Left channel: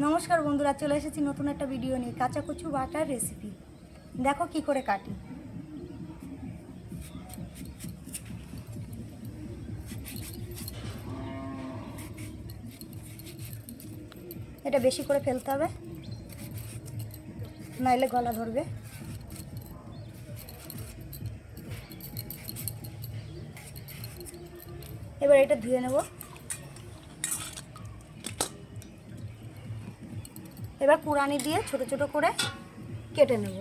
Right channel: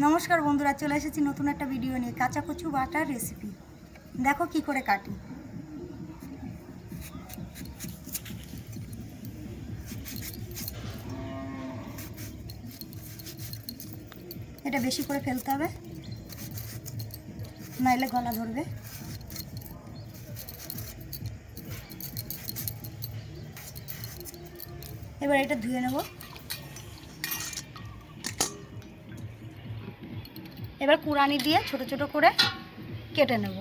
নমস্কার বন্ধুরা, চলে এসেছি নতুন একটা ভিডিও নিয়ে। কাঁচা কচু বাটার রেসিপি দেখো কি করে কাটি। এটা বেশি করে ফেলতে হবে, নাইলে গলা ধরবে। এবার এটা ধুয়ে নেব। এবার কুড়ানি দিয়ে ছোট ছোট করে কেটে নেব।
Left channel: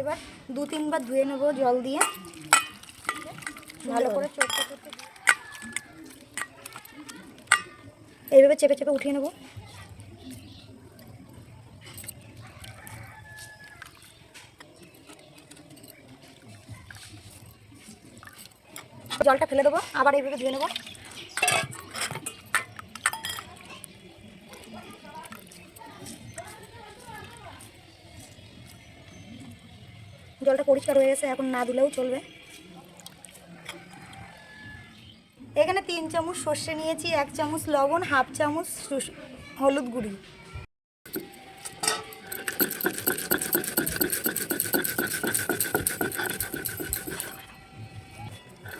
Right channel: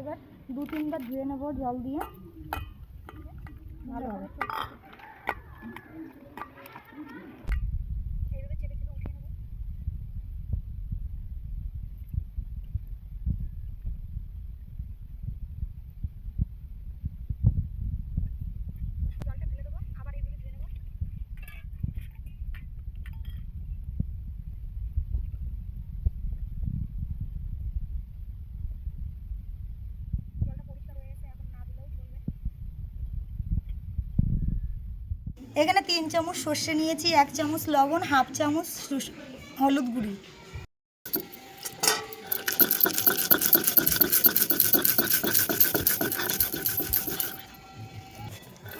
এবার 2-3 বার ধুয়ে নেব জল দিয়ে, ভালো করে এইভাবে চেপে চেপে উঠিয়ে নেব। জলটা ফেলে দেবো, আবার এইভাবে ধুয়ে নেব। জলটা পরিষ্কার হয়ে গেছে, এখন না ধুলেও চলবে। এখানে 3 চামচ সর্ষে নিয়েছি, 1 চামচ লবণ, 1/2 চামচ হলুদ গুঁড়ি।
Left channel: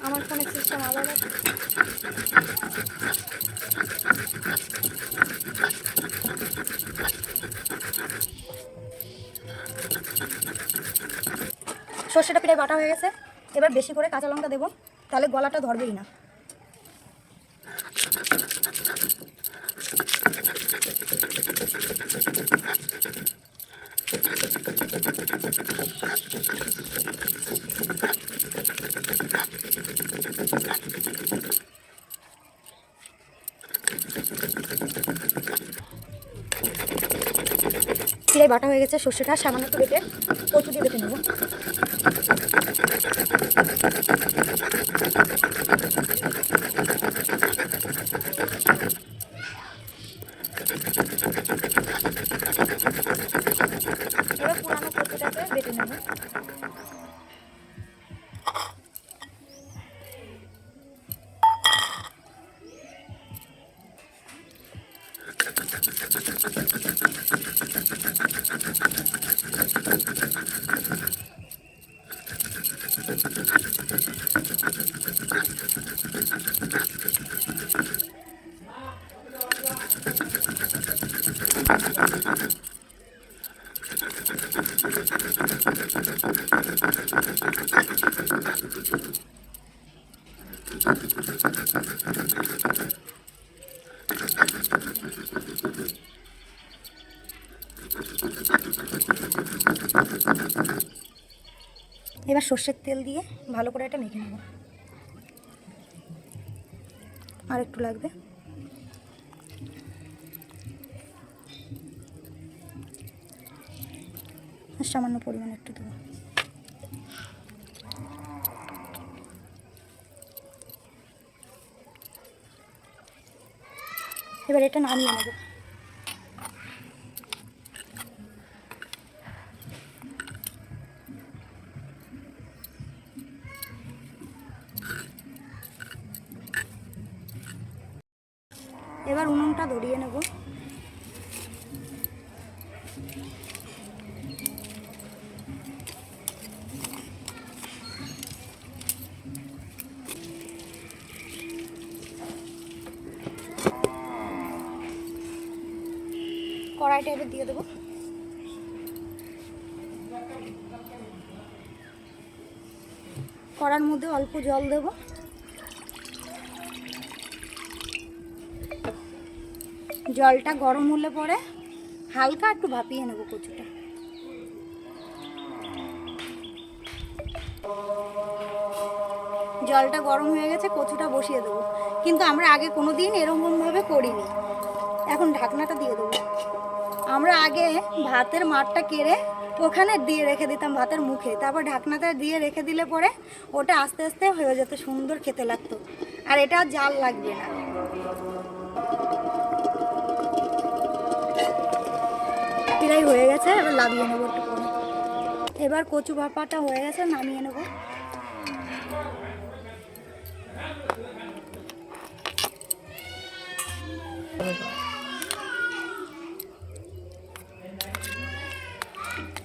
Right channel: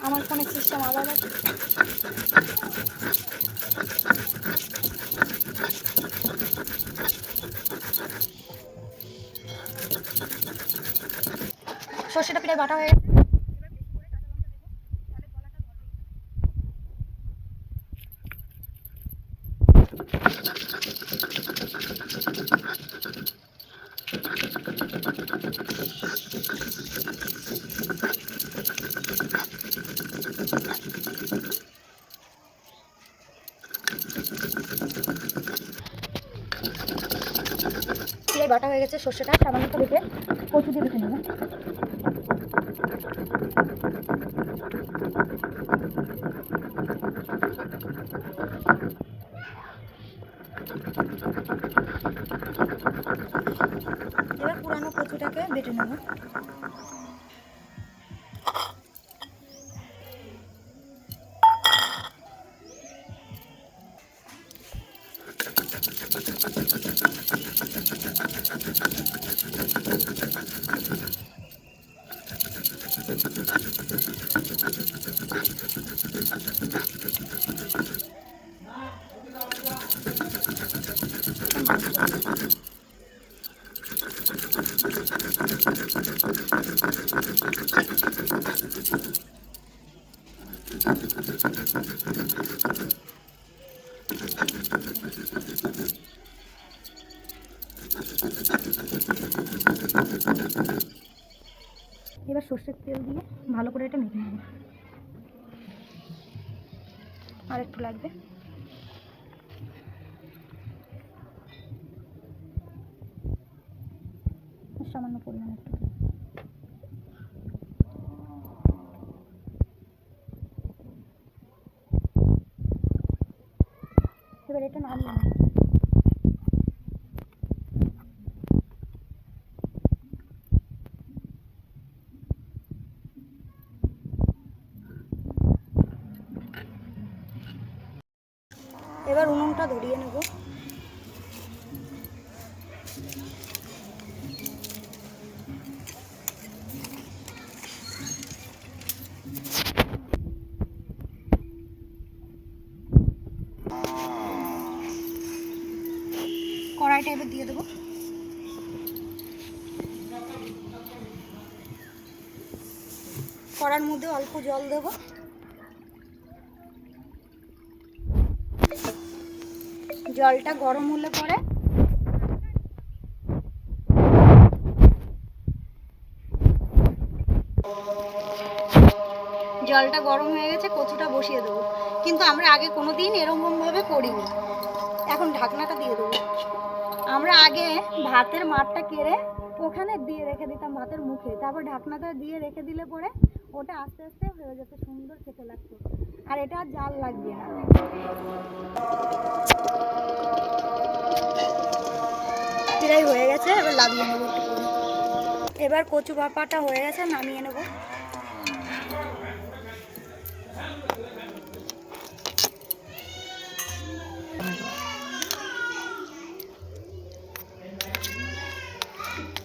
আমার ফোনে সিস্টেম আলাদা। সর্ষেটা প্রায় বাটা হয়ে গেছে। এবার বেশি করে কাঁচা লঙ্কা দেবো, তাহলে গলাটা ধরবেই না। প্রায় বাটা হয়ে গেছে সর্ষেটা, সামান্য বেটে কচু দিয়ে দেখে নেব। এবার পুরানো কচুটাকে বেটে নেব। এবার সর্ষের তেল দিয়ে ভালো করে এটা মেখে নেব। আর একটু লাগবে। সামান্য পরিমাণে একটু দেবো। এবার এটা নামিয়ে নেব। এবার উনুনটা ধরিয়ে নেব। কড়াইটা এবার দিয়ে দেবো। কড়ার মধ্যে অল্প জল দেবো। জলটা গরম হলে পরে হালকা একটু ভাপিয়ে নেব কচুটা। জলটা গরম হয়ে গেছে, কচুটা বসিয়ে দেবো। কিন্তু আমরা আগে কোনো দিন এরকমভাবে করিনি। এখন ঢাকনাটা দিয়ে দেবো। আমরা আগে ভাতের মাঠটা কেড়ে ওখানে দিয়ে রেখে দিতাম ভাতের মুখে, তারপর ঢাকনাটা দিয়ে রেখে দিলে পরে ওটা আস্তে আস্তে হয়ে যেত, সুন্দর খেতে লাগতো। আর এটা জাল লাগবে না। প্রায় হয়ে গেছে, এবার লাগিয়ে নেবো একটু করে। এবার কচু বাটাটা হয়ে গেছে, নামিয়ে নেবো।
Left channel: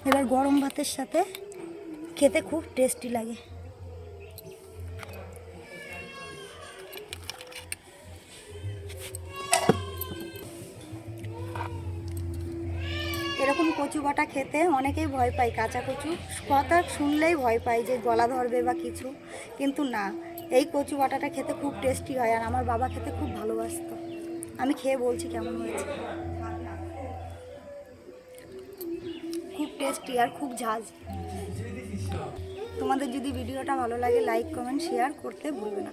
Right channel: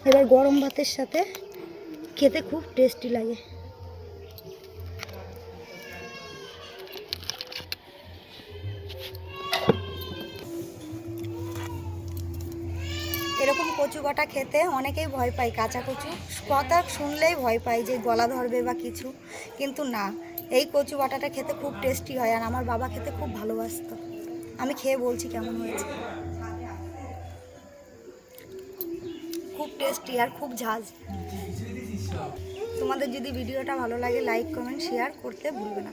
এবার গরম ভাতের সাথে খেতে খুব টেস্টি লাগে। এরকম কচু বাটা খেতে অনেকেই ভয় পায়, কাঁচা কচু কথা শুনলেই ভয় পায় যে গলা ধরবে বা কিছু, কিন্তু না, এই কচু বাটাটা খেতে খুব টেস্টি হয়। আর আমার বাবা খেতে খুব ভালোবাসতো। আমি খেয়ে বলছি কেমন হয়েছে। খুব টেস্টি আর খুব ঝাঁজ। তোমাদের যদি ভিডিওটা ভালো লাগে লাইক কমেন্ট শেয়ার করতে ভুলবে না।